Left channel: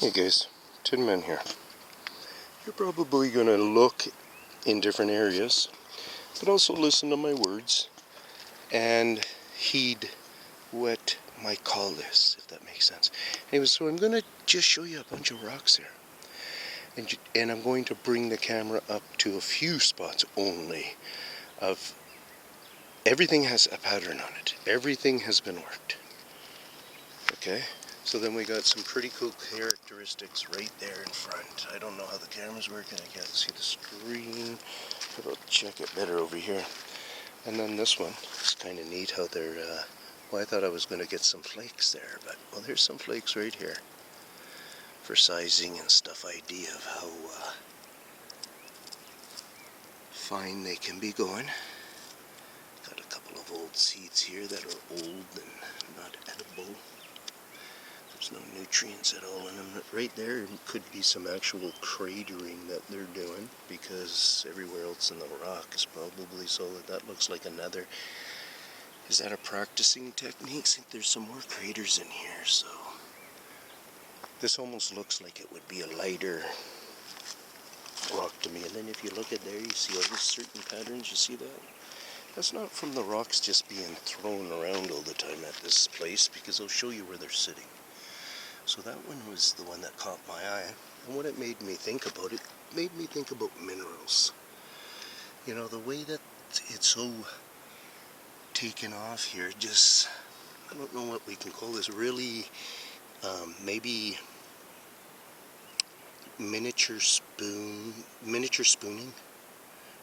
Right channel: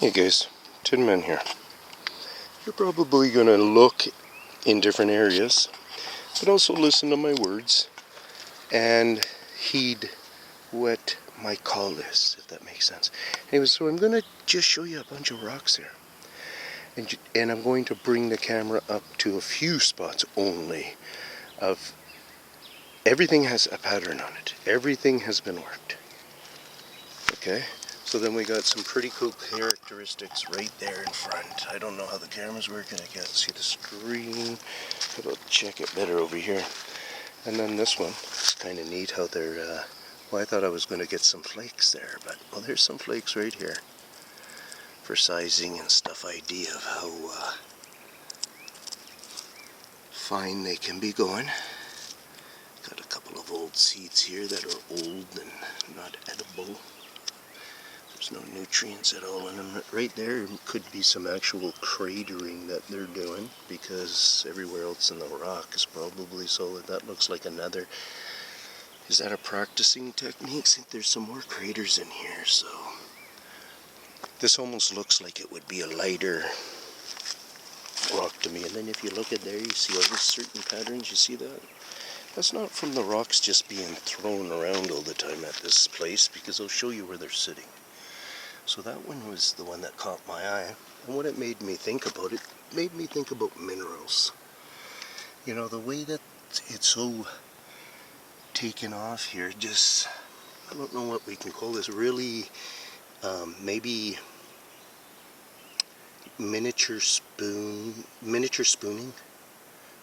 Hey guys, Tin Man here. You're probably going to look in different areas, but also listen to my words and heed what my call is, if that makes sense. Anyway, so I'm going to just show you a bunch of rocks here. And I'm going to bring the camera up to a few spots only. Everything has a pattern on it. Everything has been worked. Okay? So then we got some pretty cool characteristics right there in front. I don't know how the camera's working. I can't see the screen. But I'll check it better over here. And then this one, it's kind of neat how they're, well, I thought I was going to get some flakes there, but, well, there's some flakes right here for sizing and stuff, idea of how fine they can be going. Got a couple of old seeds here that are old and not edible. There's no nutrients at all in them. Right there could be some actual cratering that they're doing, because everywhere else in the rock is probably solid. That looks like another. Is that a practicing technique? I think there's some more craters in here, so this almost looks like it would be a lighter rock to me. And then if you look at there, you see all these certain patterns. You see that? That's not from the rocks just being thrown around all the time at this place, because I'll show you where they're sitting. So that one was the one that caught my eye. And what it made me think about, it made me think about minerals. You know, the way that it's so taken off here, just, I don't know what we can call this, really, maybe miniature spooning,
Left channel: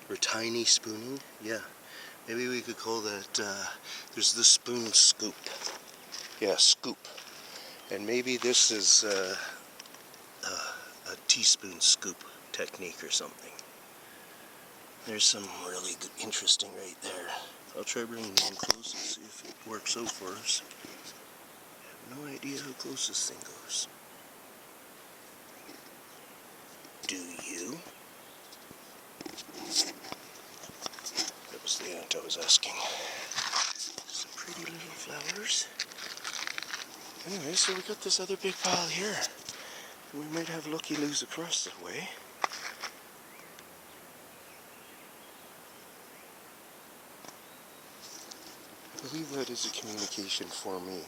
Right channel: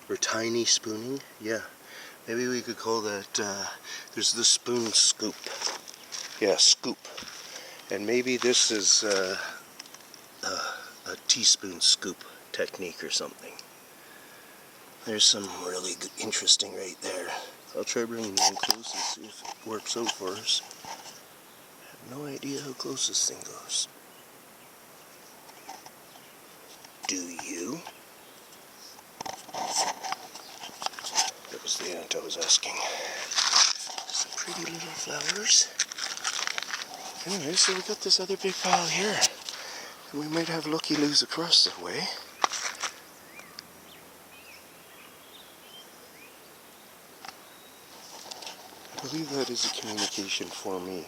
or tiny spooning, yeah. Maybe we could call that, there's the spoon scoop. Yeah, scoop. And maybe this is a teaspoon scoop technique or something. There's some really good, interesting right there. I'll try bringing it in close and see if it works out for us. I have no idea how close this thing goes. Do you? That was the ant I was asking. Some pretty little flowers. Anyway, so we got this other big pile here. And we might have looky-loos across the way. I believe that is a communication for me.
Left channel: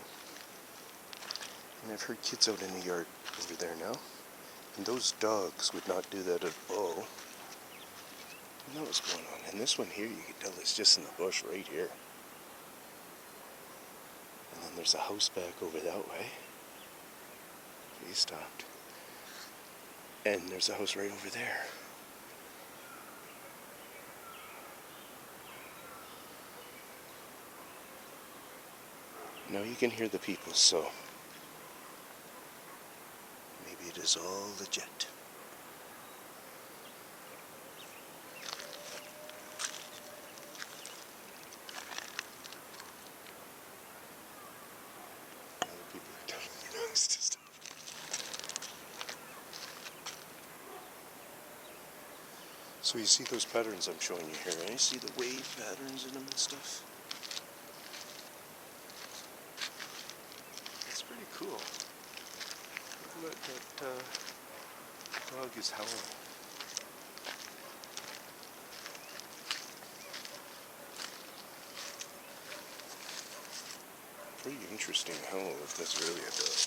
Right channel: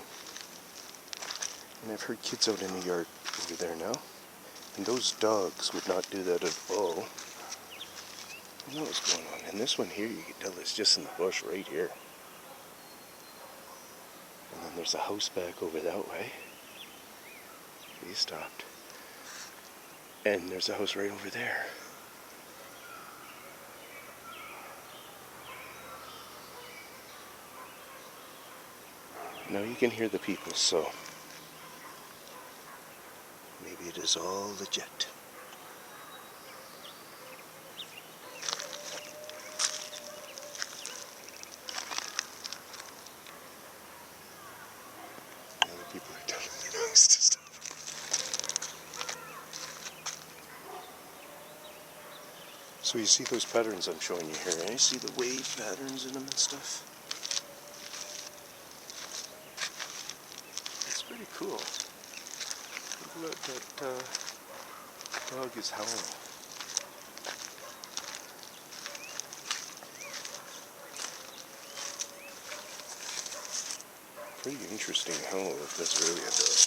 And I've heard kids out in the yard over there now. And those dogs would not do that at all. I don't know what's going on. And this one here, you can tell it's just in the bush right here. And then there's a house back over that way. He stopped. And there's a house right over there. Now you can hear the people, so maybe it is all legit. Now the people are telling me to stop. So you see those patterns I'm showing you here, and you see the wave patterns in them and stuff? It's pretty cool. Look at that dog is howling. Pretty interesting howl if that's really a dog.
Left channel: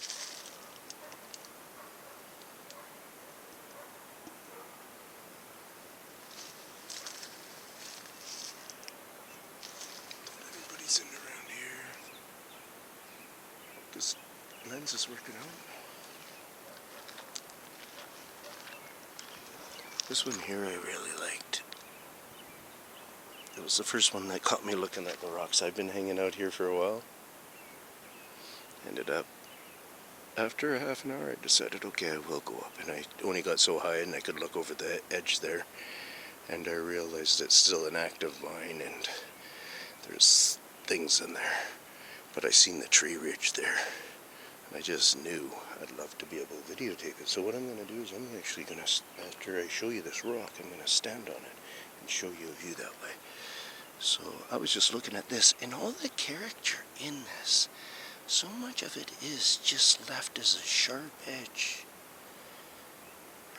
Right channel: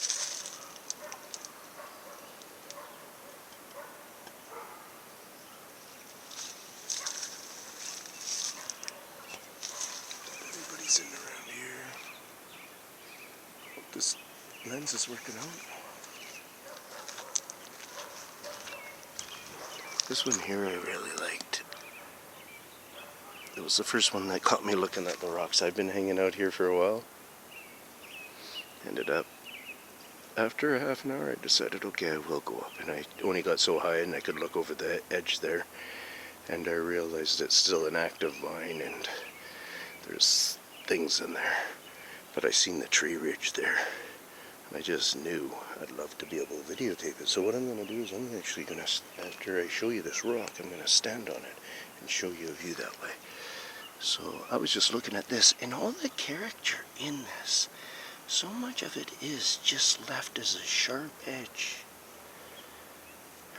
Everybody's in around here. Hope this lens is working out. This one here I really liked. It was the first one that caught me looking at the rocks. I've been hanging out here for a while. Ended up, after a half an hour, I decided, okay, I will go up. And I only got so high and I could look over the edge there. And I realized it's still an active mine and there's things in there. But I seen the tree ridge there. And I just knew I'd love to be able to videotape it. So what I'm going to do is I'm actually going to, after I show you this rock, I'm going to stand on it and show you a view that way. So I was just looking at this, and all the character in this, so much of it is just left as a sharp edge.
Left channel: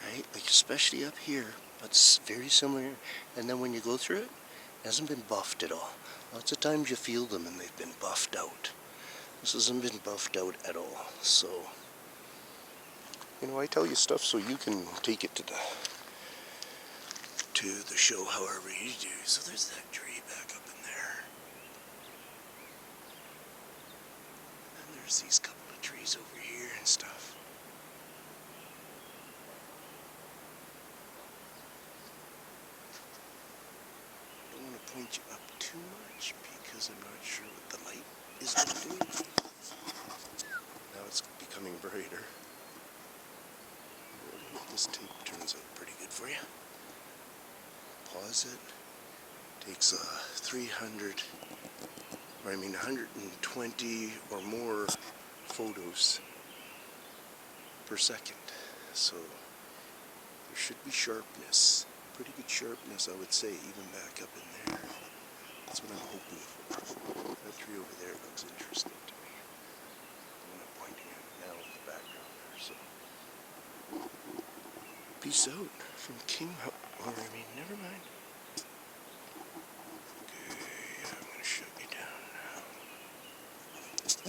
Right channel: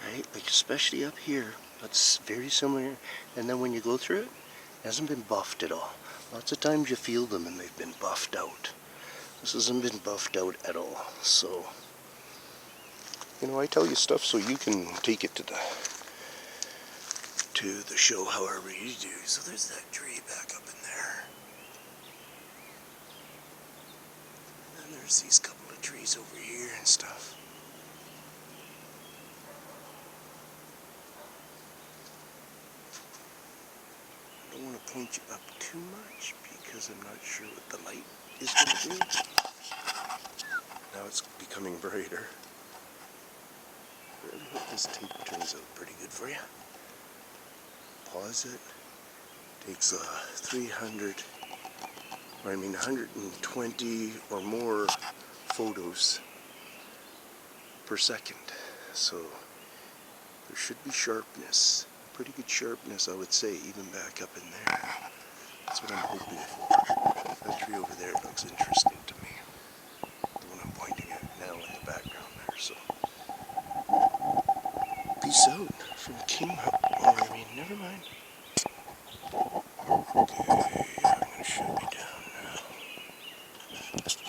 Right, like especially up here, that's very similar. And then when you go through it, it hasn't been buffed at all. Lots of times you feel them and they've been buffed out. This hasn't been buffed out at all. So, you know, I tell you stuff so you can take it to the show however you do. So there's that tree back up in there. And then there's these couple of trees over here and stuff. I don't want to point you up too much because I'm not sure what the light is going to do. Now it's becoming brighter. I really hope this tape turns out pretty good for you. Pause it. Takes 120 or more photos per second. So there should be sharpness. Pretty good sharpness, I would say, even back up in there. That's what I'm hoping for. That tree over there looks interesting to me. The one I'm pointing at now in the background there, so. Peace out from King never mind. Okay, I'm gonna shut you down.